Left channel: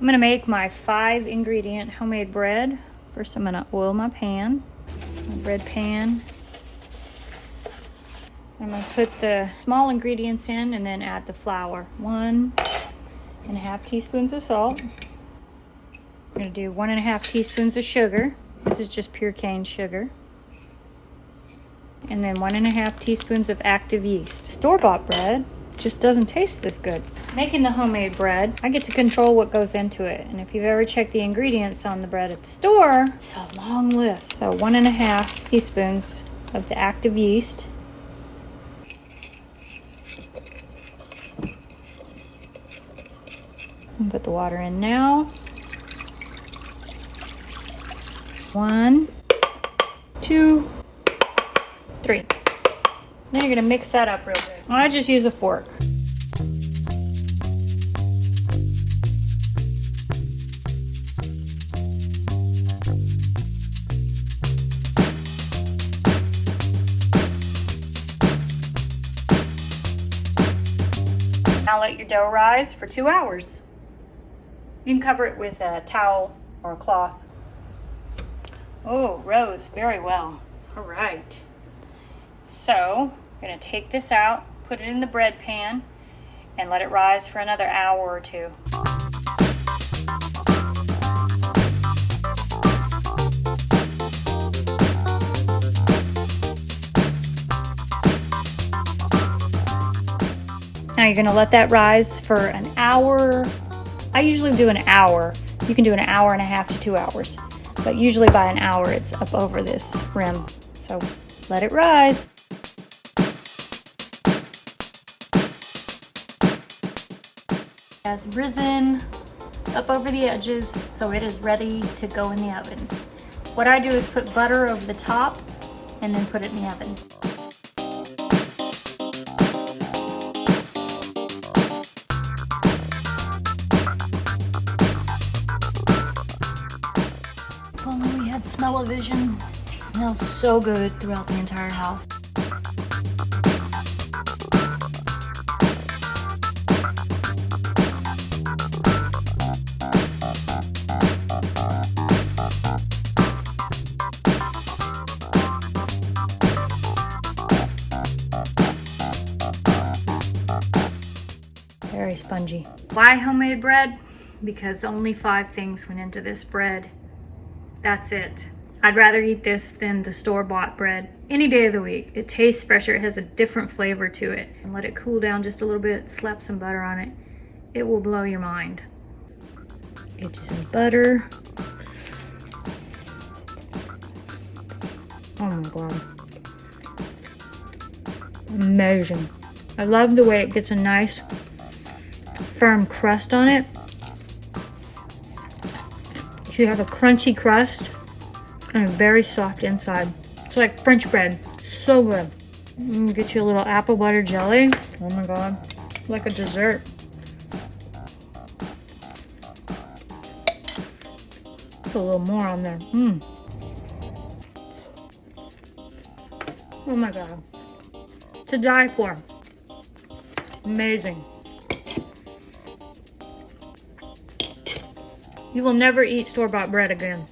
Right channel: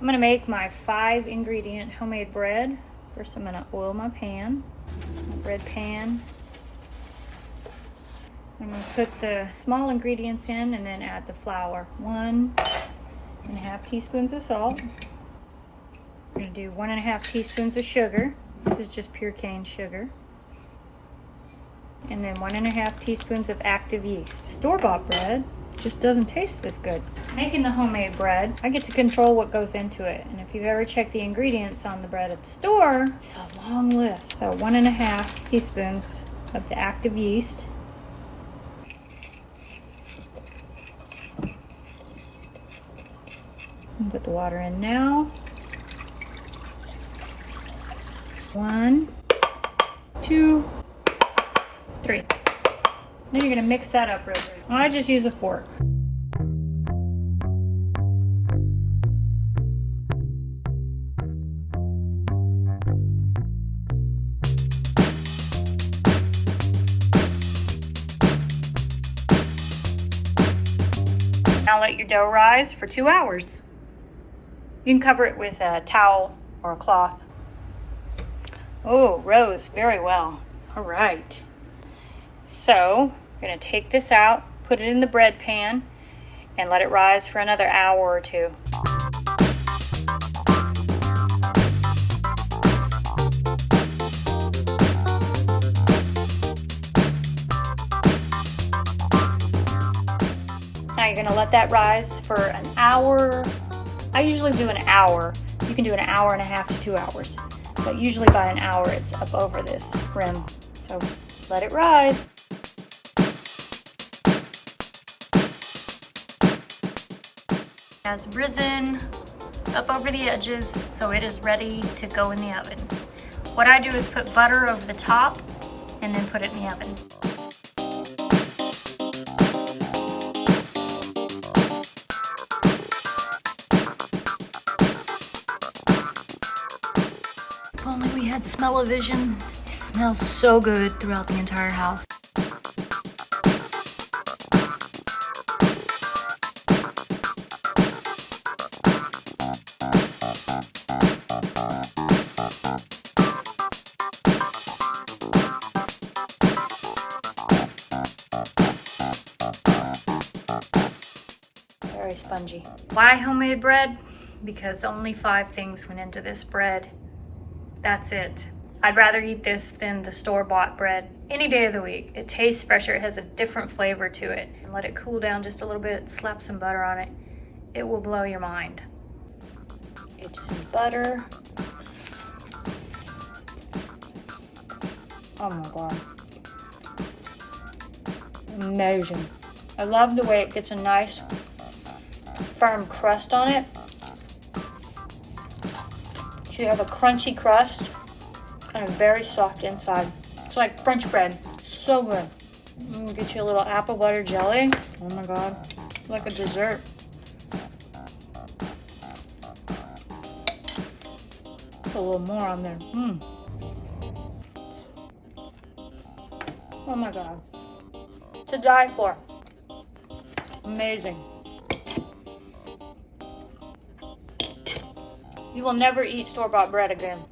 I'm gonna make my 5-ingredient homemade bread. First, I'm gonna oil my pan, bread pan. I'm gonna put the small ingredients in and then add the flour. 1.5 teaspoons of salt. I'm gonna do 1.5 teaspoons of sugar. This is just pure cane sugar. And then 1.5 teaspoons of active yeast. Store-bought bread just doesn't taste this good. Making the homemade bread, I get to control what goes into it. And if you've ever checked the ingredients on the bread at the store, it's a long list. So 1.5 teaspoons of the active yeast. I'll put the water in now. 1, 2, 3. Then you're gonna mix that up real good. I just use a fork. Now let your dough rise for 2 hours. You can cover it with a towel or a cloth. Oh, rose very well. All right. So, I'm gonna take this out, put it in the bread pan, and let it rise for another hour or 2. Now you're gonna let that rise for an hour. I usually do an hour. You can do an hour and a half to 2 hours. But usually by an hour it's up over this rim. So let it rise. It has risen up over the edges, so it is ready to go in the oven. What I do is put butter over the top and then put it in the oven. If only we had smell-o-vision. It smells so good throughout the entire house. Very spongy. Why homemade bread? Because only 5 things went into this bread. That's it. I'd rather eat this than the store-bought bread any day of the week. It tastes fresher, it has a different flavor to it. And let it cool down just a little bit, slap some butter on it. It will blow your mind. Get you some butter. Oh my God. Amazing. I love the way it gets a nice firm crust on it. So you have a crunchy crust and a very soft inside. It's like French bread. So good. Get you a little apple butter jelly. Oh my God. Like a dessert. Put a little more on there. Oh my God. To die for. Amazing. You will never eat store-bought bread again.